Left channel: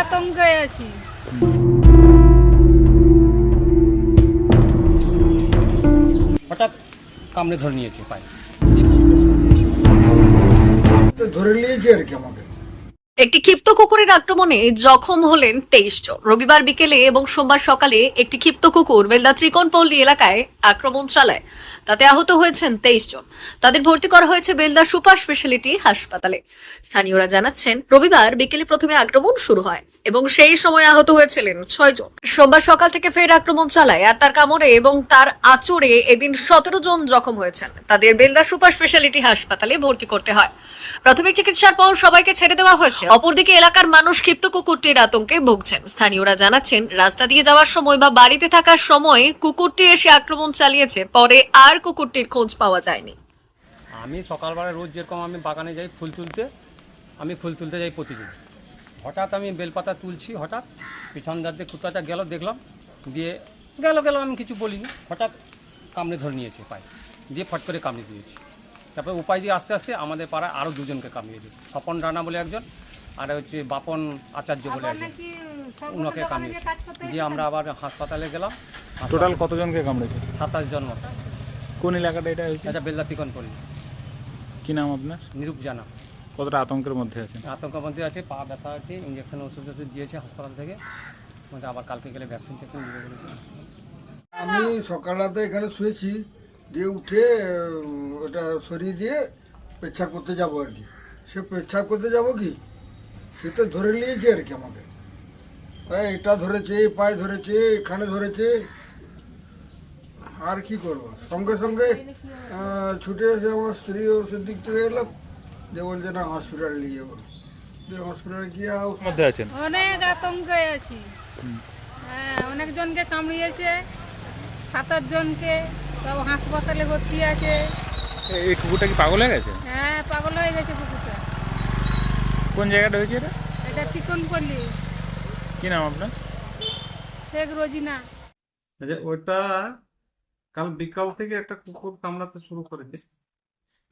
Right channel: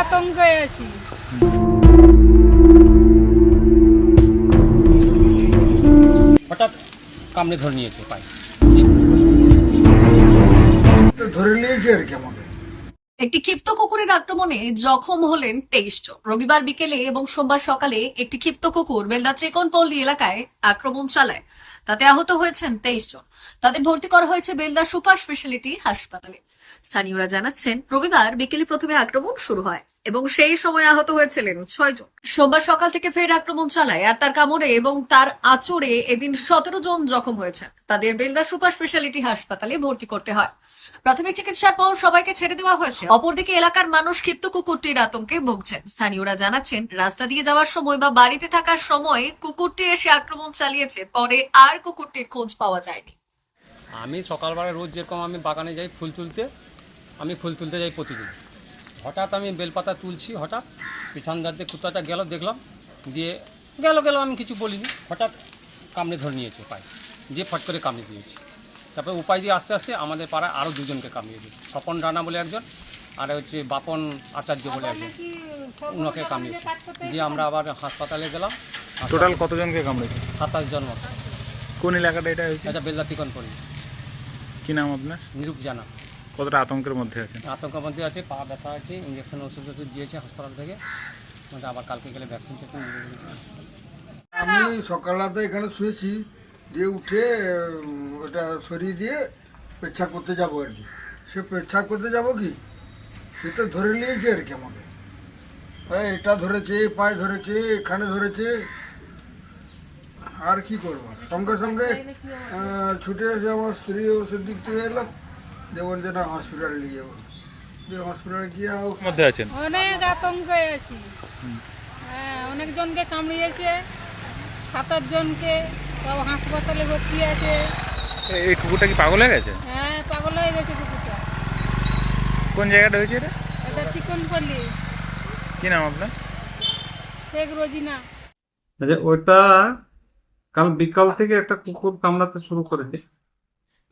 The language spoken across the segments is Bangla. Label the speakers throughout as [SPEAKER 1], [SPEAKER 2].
[SPEAKER 1] আতঙ্কে আছি।
[SPEAKER 2] হঠাৎ কামড়ে ধরে নিয়েছে পায়ে।
[SPEAKER 3] ধরে নিয়েছে আর কি আমাকে।
[SPEAKER 4] একটি ক্ষিপ্ত কুকুরের আক্রমণে জখম হলেন তেইশ জন। রবিবার বিকেলে এবং সোমবার সকালে একটি ক্ষিপ্ত কুকুর বেলদা ত্রিকোণপল্লী এলাকায় আক্রমণ চালায়। তাতে আহত হয়েছেন তেইশ জন। তাদের ভর্তি করা হয়েছে বেলদা সুপার স্পেশালিটি হাসপাতালে। স্থানীয়রা জানাচ্ছেন, রবিবার বিকেলে প্রথমে আক্রমণ শুরু হয় এবং সেই সময় আহত হয়েছিলেন ছয় জন। সোমবার সকাল থেকে ফের আক্রমণ চালায় আর তার কামড়ে এবং তার আচরে এদিন সতেরো জন জখম হয়েছেন। তাদের বেলদা সুপার স্পেশালিটি হাসপাতালে ভর্তি করতে হয়। প্রাথমিক চিকিৎসার পর সবাইকে ছেড়ে দেওয়া হয়েছে। অপরদিকে এলাকার মানুষ ক্ষিপ্ত কুকুরটির আতঙ্কে ভুগছেন। স্থানীয়রা জানাচ্ছেন, রাস্তা দিয়ে যাওয়ার সময় বা বাড়িতে থাকার সময় কুকুরটি এসে আক্রমণ চালিয়েছে, পরে আর কুকুরটির খোঁজ পাওয়া যায়নি।
[SPEAKER 2] আমি সকালবেলা রোজ যেরকম আমি বাগানে যাই ফুল তুলতে আমি ফুল তুলতে যাই প্রতিদিন। হঠাৎ আমি বেলপাতা তুলছি হঠাৎ পিছন দাঁড়তে কুত্তাটা গেল দেখলাম দিয়ে গেল গেল আমি কিছু বলিনি। হঠাৎ কামড়ে ধরে নিয়েছে পায়ে দিয়ে ফট করে কামড়ে দিয়েছি। তারপরে উপায় দিয়ে আস্তে আস্তে আমাদের পাড়ায় আরও দুজনকে কামড়িয়ে দিই স্বপন রানা বলে একজন আর হচ্ছে বাপন আচার্য বলে একজন উনাকে কামড়িয়েছে দিয়ে আমরা আবার হাসপাতালে গেলাম।
[SPEAKER 5] টোটাল কতজনকে কামড়েছে?
[SPEAKER 2] সাতাশ জন মতো।
[SPEAKER 5] কোন এলাকাটা এটা হয়েছে?
[SPEAKER 2] এটা বেল্লা তিকন পল্লী
[SPEAKER 5] কি নাম আপনার?
[SPEAKER 2] নিরূপ জানা।
[SPEAKER 5] কতটা আতঙ্কের মধ্যে আছেন?
[SPEAKER 2] আতঙ্কের মধ্যে আছে পা ব্যথা আছে ইঞ্জেকশন ওষুধ ওষুধ দিয়েছে হাসপাতাল থেকে। মানে আবার কালকে গেলে ভ্যাকসিন ট্যাকসিন দিবে বলেছে।
[SPEAKER 3] আমি সকালবেলাতে এখানে শুয়েছি দিয়ে উঠে ওটা সরিয়ে দিয়ে পেচ্ছাপ করতে যাব আর কি। সে পেচ্ছাপ করতে যাব কি? সে তো ধরে নিয়েছে আর কি আমাকে। এটা ধরেছে পায়ে ধরেছে এখানে ধরেছে। আর কি করব? সঙ্গে সঙ্গে ছুটে এসে আমার স্ত্রী ওষুধ দিক থেকে দিয়ে বলছে না হসপিটালে নিয়ে যাব। হসপিটালে গিয়ে
[SPEAKER 5] মধ্যে আছেন?
[SPEAKER 1] অনেক আতঙ্কে আছি। হ্যাঁ অনেকজনকে কামড়িয়েছে সাত আট জনকে সব হাসপাতালে ভর্তি আছে।
[SPEAKER 5] এই কুকুরটা কি পাগল হয়ে গেছে?
[SPEAKER 1] হ্যাঁ পাগল হয়ে গেছে কুকুরটা।
[SPEAKER 5] কোন জায়গাটা হয়েছে এটা?
[SPEAKER 1] এটা চিকন পল্লী
[SPEAKER 5] কি নাম আপনার?
[SPEAKER 1] শেখ রোজিনা।
[SPEAKER 6] আচ্ছা ওটা কাল বিকাল থেকে একটা কুকুর কামড়াতে শুরু করেছে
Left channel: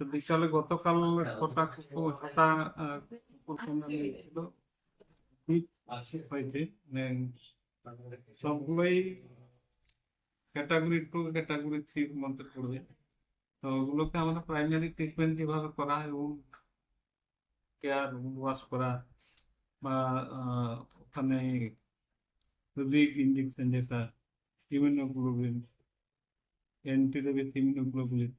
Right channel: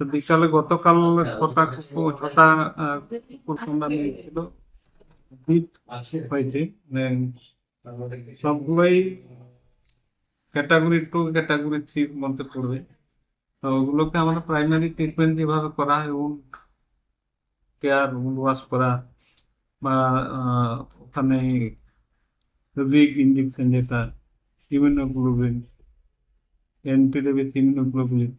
[SPEAKER 6] তো বিকালে গতকাল ছটা কুকুর ছটা কুকুর হয়েছে মানে সবগুলোই ক্যাটাগরি টু ক্যাটাগরি থ্রির মধ্যে পড়বে। তো ওগুলোকে আমরা প্রাইমারি ট্রিটমেন্ট যেভাবে করা হয় উন্ড কেয়ার ওয়াশ করা বা ওখানে রিগ ইঞ্জেকশন যেটা ইমিউনোগ্লোবিন অ্যান্টিরেবিস ইমিউনোগ্লোবিন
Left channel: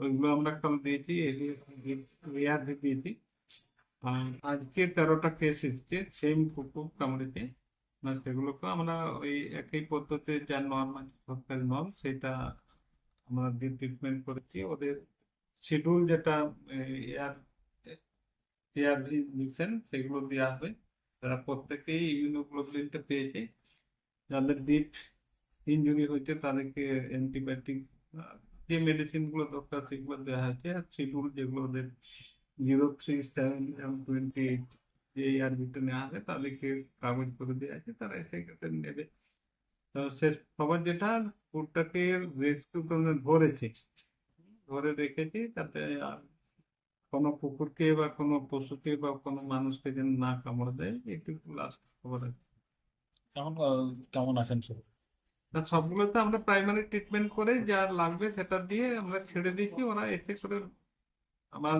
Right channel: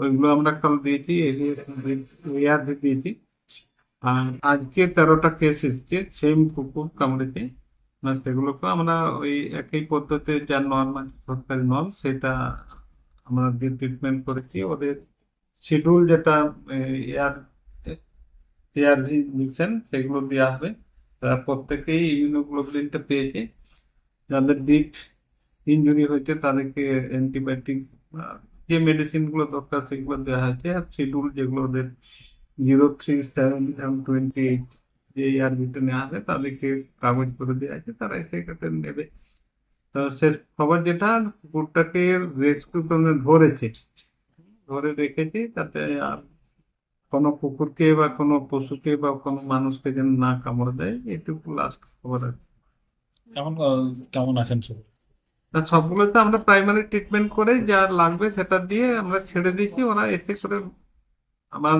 [SPEAKER 6] ওইগুলো আমরা কাল দিয়েছি এআরভি দিয়েছি। আর আজকে তেরোটা কেস এসছে সেম কুকুর কামড়েছে। না, সেগুলোকে আমরা ওই একই পদ্ধতিতে যা নর্মাল সরকারি নর্ম সেটা আমরা দিয়ে ট্রিটমেন্ট করেছি, ওদের শিডিউল যেটা এয়ার এআরভি ইঞ্জেকশন সেগুলো দেওয়া হবে। তারা প্রত্যেকেই ইমিউনোগ্লোবিনটা পেয়েছে। যাদের ডিপ ইনজুরি হয়েছে, তাদেরকে অ্যান্টিবায়োটিক যে মেডিসিনগুলো দরকার সেগুলো দেওয়া হয়েছে। আর শিডিউল যেগুলো ওদের zero three seven M twenty eight যে আরবিটা নেওয়া হবে, তাদেরকে কাগজ করে দেওয়া আছে তারা কেটে নেবে। তো সে খবর যেটা, কুকুরটাকে রেস্কিউ করে ধরেছে। ধরে রেখেছি তাতে আর কোনো কুকুরকে বা কোনো পশুকে বা কোনো মানুষকে যেন না কামড় দেয়, এটুকু লাস্ট খবর আছে।
[SPEAKER 5] কেমন কেমন আছেন সব
[SPEAKER 6] তা সবগুলোতে আমরা প্রাইমারি ট্রিটমেন্ট করে যা লাগবে সেটা দিয়ে আমরা ছেড়ে দিয়েছি। ওরা এসে করে আমার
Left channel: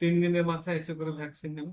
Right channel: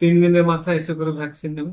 [SPEAKER 6] তিন দিনের মাথায় এসে করে ভ্যাকসিন নেবে।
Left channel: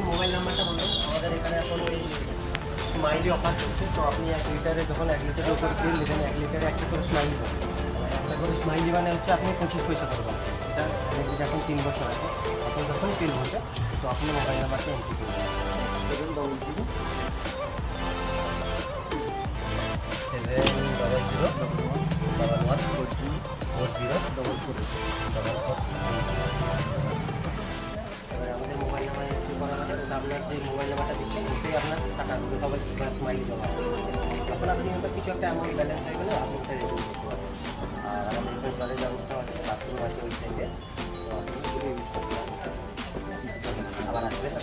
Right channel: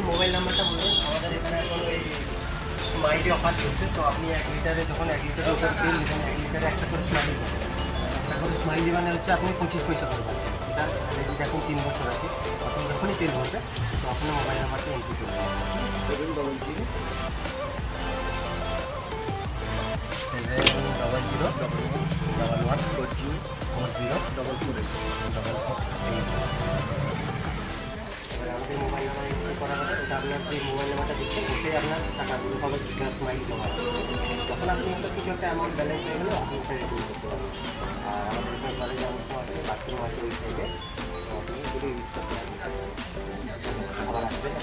[SPEAKER 7] একটু মোবাইল নাম্বারটা বলুন আমাদের এখানে এখন ওই স্মাইলি অফার চলছে। তো আপনি এক লিটারে যখন এক লিটারের উপর তেল নেবেন এক লিটারে একটা করে স্মাইলি পাবেন একটা করে স্মাইলি মানে হচ্ছে আপনি পঁচিশ পয়সা পাচ্ছেন ঠিক আছে? যদি এখন তিন বছর আছে তখন যখনই তেল ভরবে তো আপনি মোবাইল নাম্বারটা এন্ট্রি করবেন double zero double zero double one four zero four zero double two double করা আপনার যে মোবাইল নাম্বারটা দিচ্ছেন ওতে আপনার টাকাগুলো সবাই মাইল জমা যখন আপনি ওটা কিছু একটা অ্যামাউন্ট ব্যালেন্স হয়ে গেলে আপনি ওটা রিডিম করতে আর আমাদের এখানে জলের ব্যবস্থা আছে, বাথরুম আছে ওই সাইডে তো আপনি যদি ইউজ করতে আবার আসবেন